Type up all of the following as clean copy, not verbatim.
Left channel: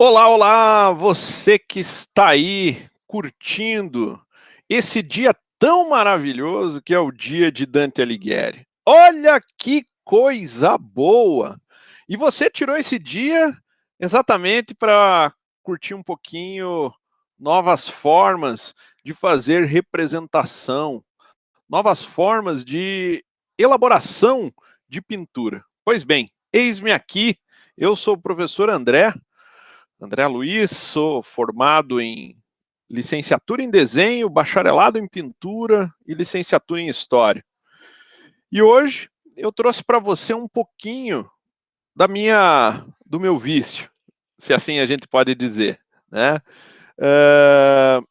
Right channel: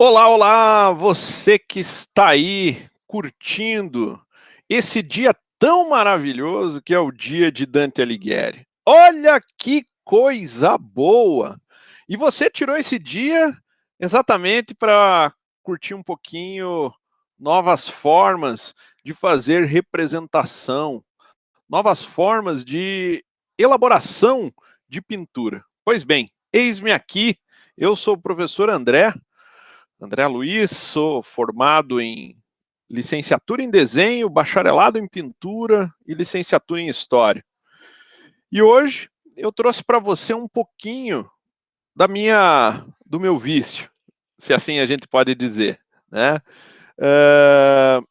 Olá, olá, você que está aí curtindo esse dia tão maravilhoso que é o dia de Dante Alighieri. Olha que coisa boa! E você tirou esse dia exatamente para curtir um pouquinho novas formas de fazer representação, novas formas de elaboração de pintura. Pois bem, eis-me aqui, eu sou o professor André Luiz, sou formado em licenciatura em desenho, bacharelado em pintura e licenciatura em história. E hoje eu trouxe para você um pouquinho do meu vício, se assim a gente pode dizer, né?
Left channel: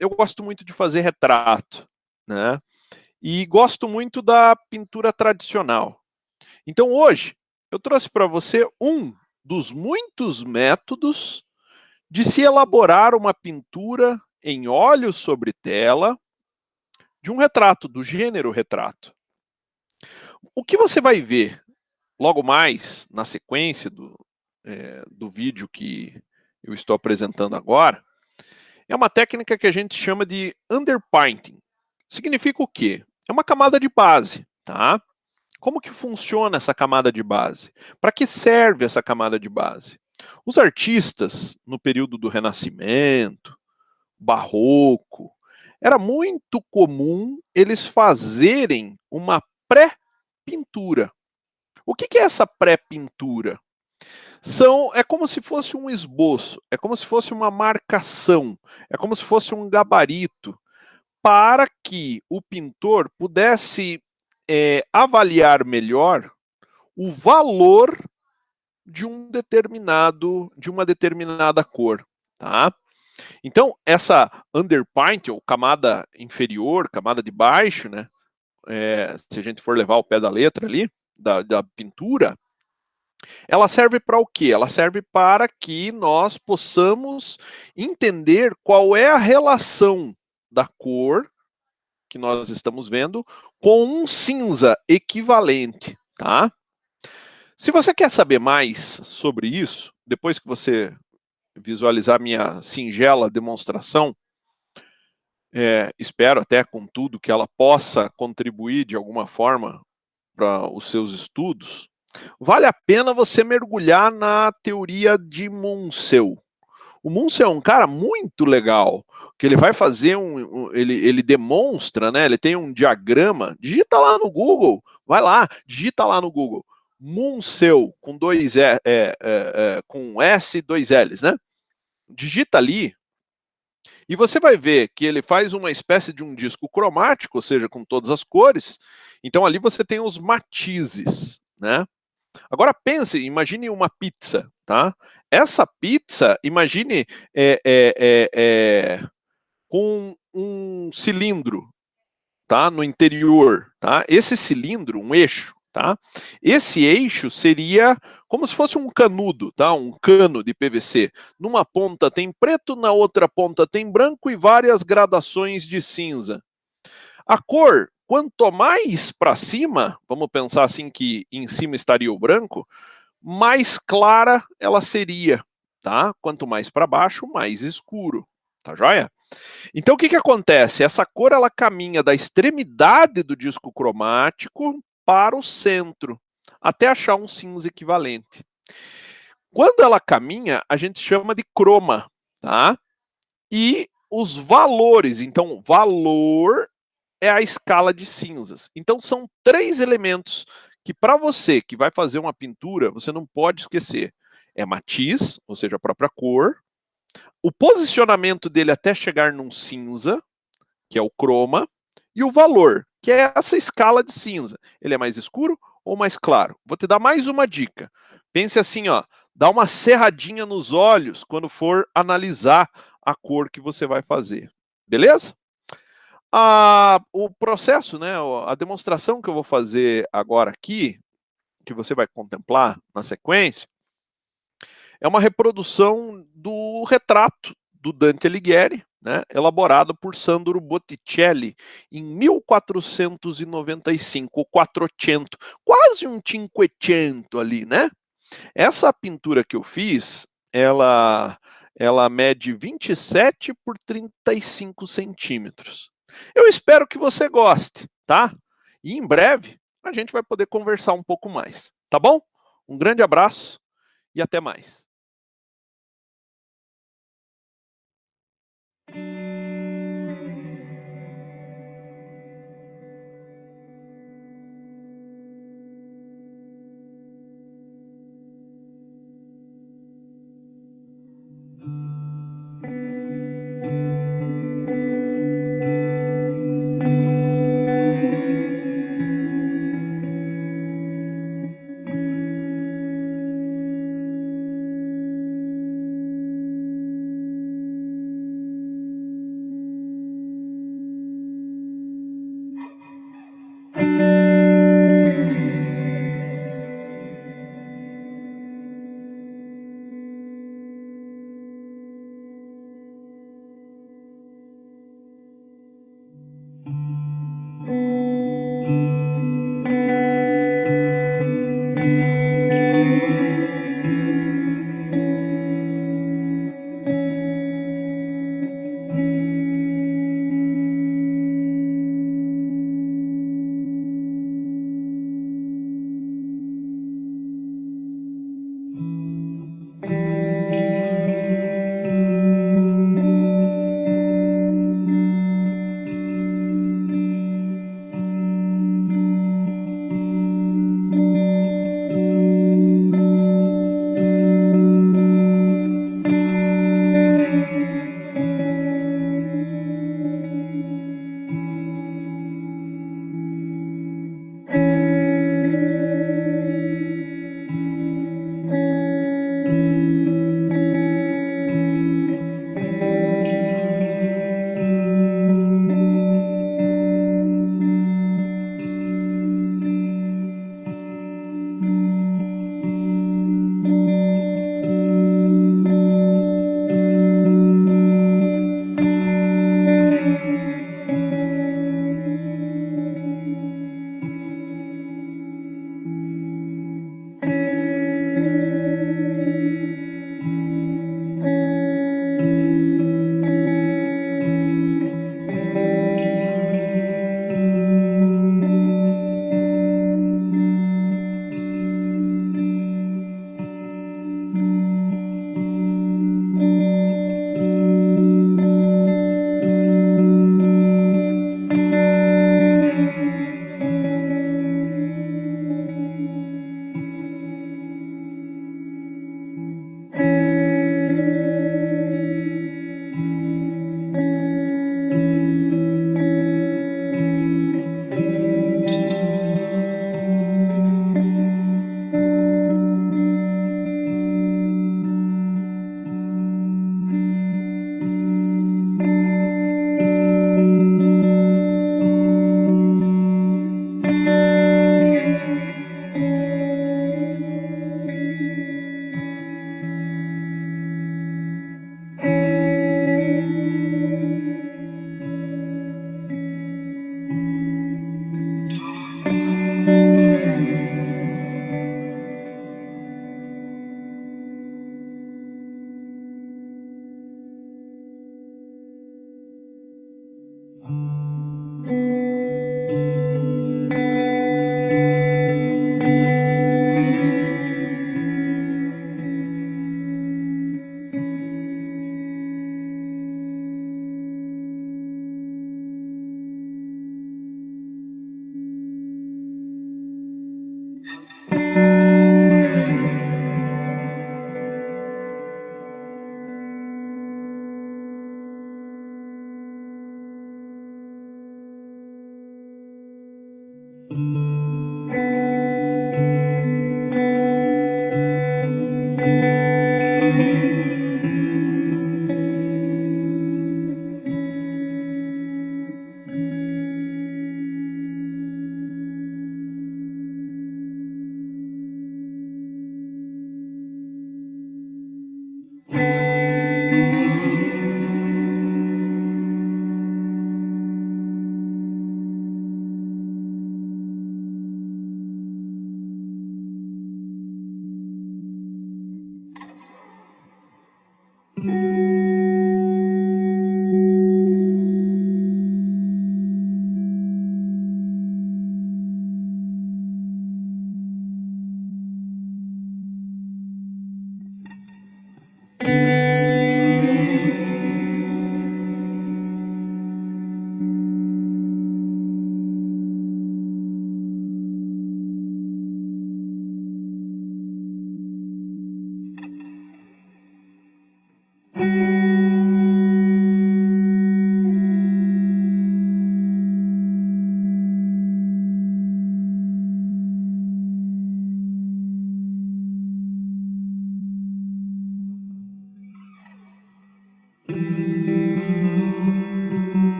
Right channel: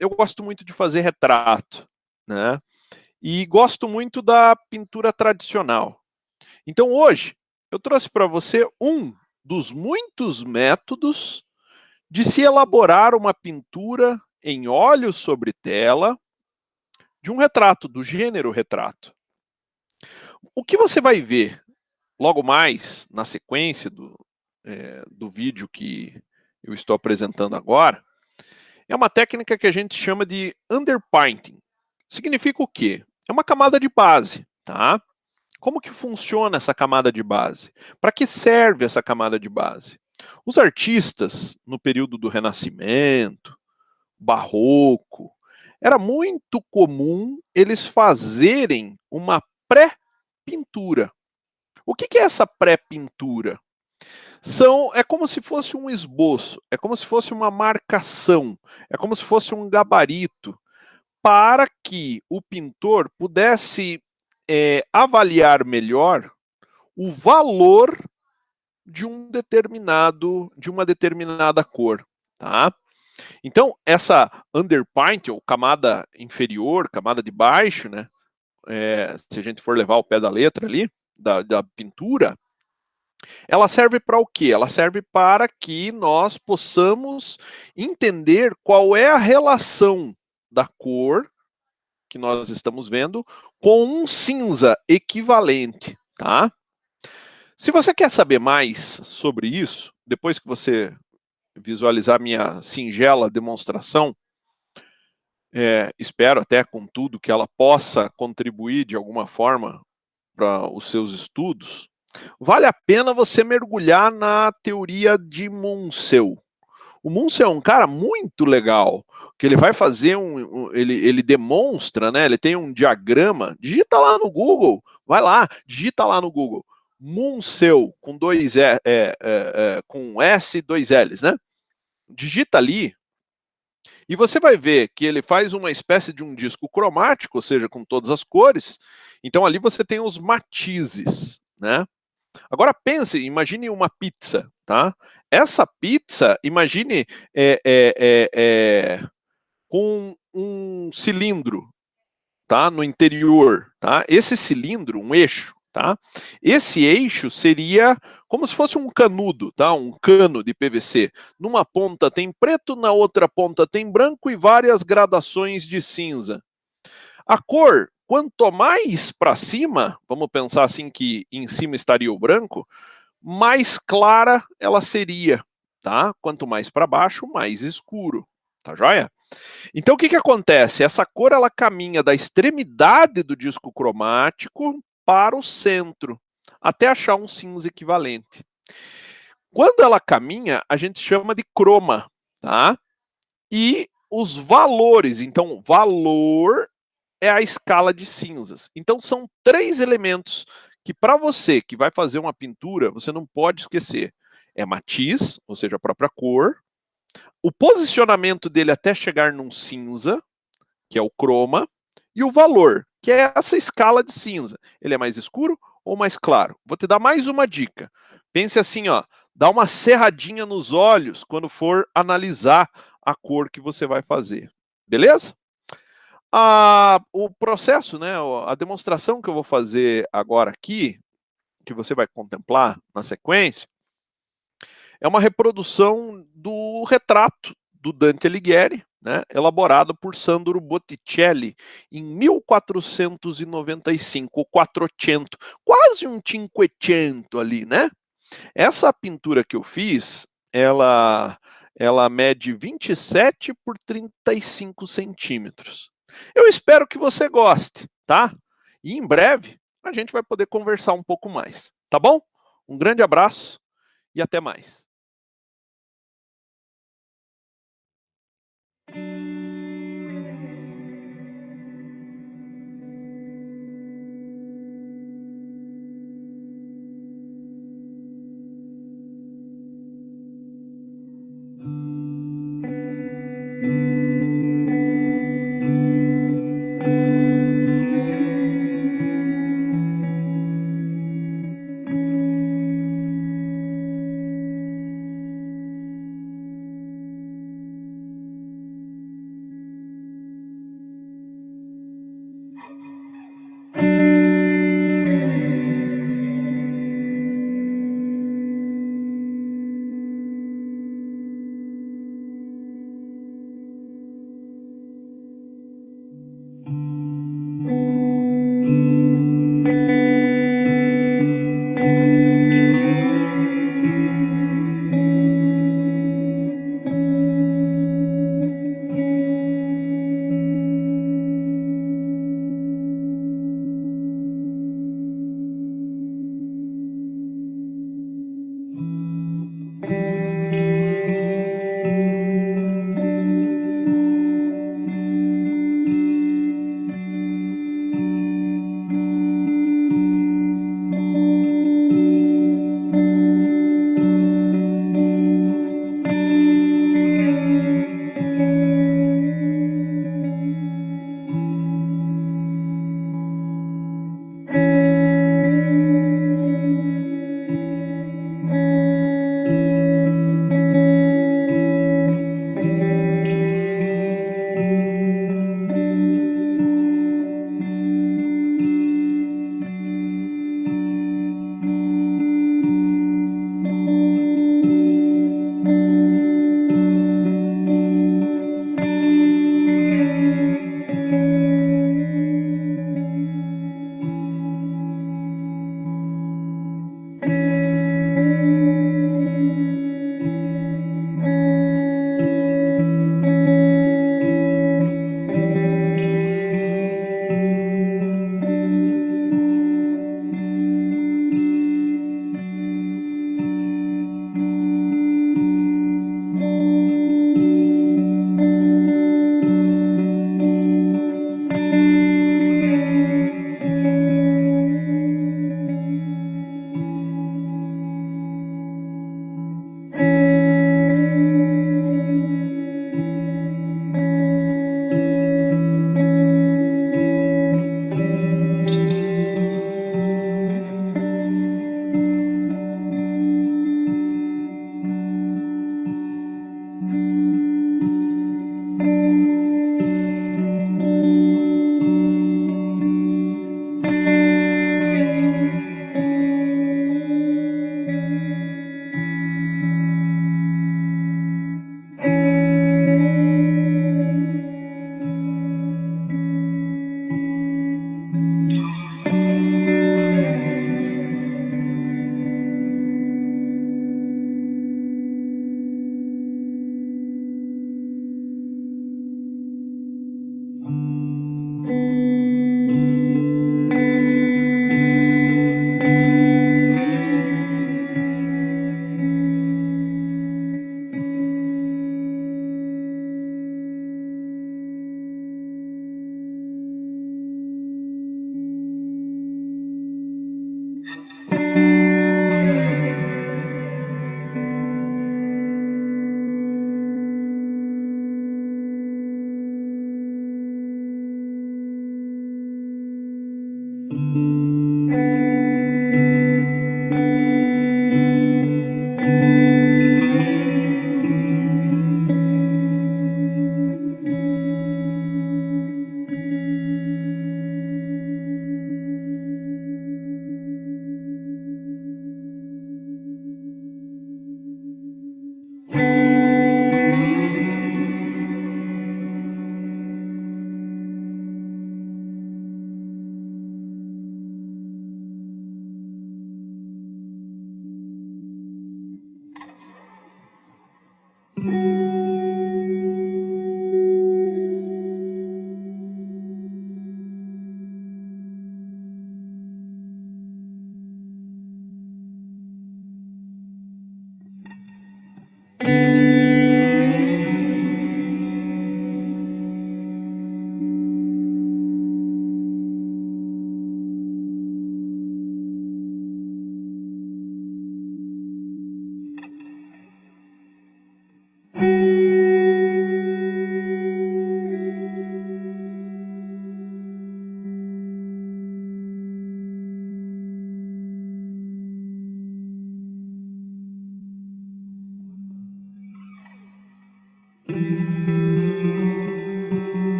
Eu gosto muito de fazer retrato, né? E gosto muito da pintura tradicional. Então hoje eu trouxe para você um dos muitos métodos de se elaborar uma pintura em óleo sobre tela de um retrato, do gênero retrato. O que você vai ver logo mais na sequência do vídeo que eu estou apresentando agora é uma técnica que a gente chama de underpainting. Significa o quê? É uma camada de base, tá? Como que funciona essa camada de base? Para que serve essa camada de base? Os artistas, no período do Renascimento, Barroco, era muito comum eles fazerem uma pré-pintura. O que é essa pré-pintura? É como se fosse um esboço, é como se fosse uma marcação, é como se fosse um gabarito, para que o pintor pudesse avaliar melhor o valor de uma determinada cor, tá? Então, essa underpaint, ou camada inferior, camada de baixo, né? Se a gente for levar o pé da letra ali, da pintura, ela serve para o quê? Ela serve para que nós possamos entender qual é a relação da cor que nós estamos vendo com um cinza equivalente, tá? Se você quer saber mais sobre isso, depois que você visualizar minha singela demonstração, espero até com tudo que ela possa contribuir de alguma forma para os seus estudos, vale a pena você mergulhar na teoria de Munsell. O Munsell é um cara muito legal, que ele vai fazer ele demonstra, né? Ele tem um diagrama, digita lá no Google, vai lá, digita lá no Google, Munsell com com S e dois L's, né? Digita ali e você vai ver que ele faz uma espécie de um disco cromático, ou seja, com todas as cores. Então ali você tem os matizes, né? Agora pense, imagine uma pizza, tá? Essa pizza, imagine com um cilindro, tá? No interior, tá? Esse cilindro, um eixo, tá? Esse eixo seria como se fosse um canudo, tá? Um cano de PVC. Numa ponta tem preto, na outra ponta tem branco e várias gradações de cinza. A cor, quanto mais para cima, vamos pensar assim que em cima estaria o branco, mais clara ela seria, tá? Quanto mais para baixo, mais escuro, tá joia? Então o que acontece? Essa cor ela caminha da extremidade do disco cromático para o centro, até achar um cinza equivalente. Quando ela caminha, a gente chama de croma, tá? E os valores, então valor é a escala de cinzas. Então são três elementos que para você que vai fazer uma pintura, você não pode esquecer. É matiz, ou seja, a própria cor, o posicionamento dele até chegar num cinza, que é o croma, e o valor, que é essa escala de cinza. Ele é mais escuro ou mais claro? Vou te dar mais uma dica. Pense assim, ó, dá uma serradinha nos olhos quando for analisar a cor que você vai fazer. Beleza? O processo, né, a demonstração que eu vou fazer agora aqui, que você vai contemplar na sequência, é uma reprodução do retrato do Dante Alighieri, né, elaborado por Sandro Botticelli em 1495, o Quattrocento, quase um Cinquecento ali, né? Essa pintura que eu fiz, ela Ela mede 27 por 35 centímetros. Eu espero que você goste, tá? E em breve a gente vai poder conversar um pouco mais, tá bom? Um grande abraço e até mais.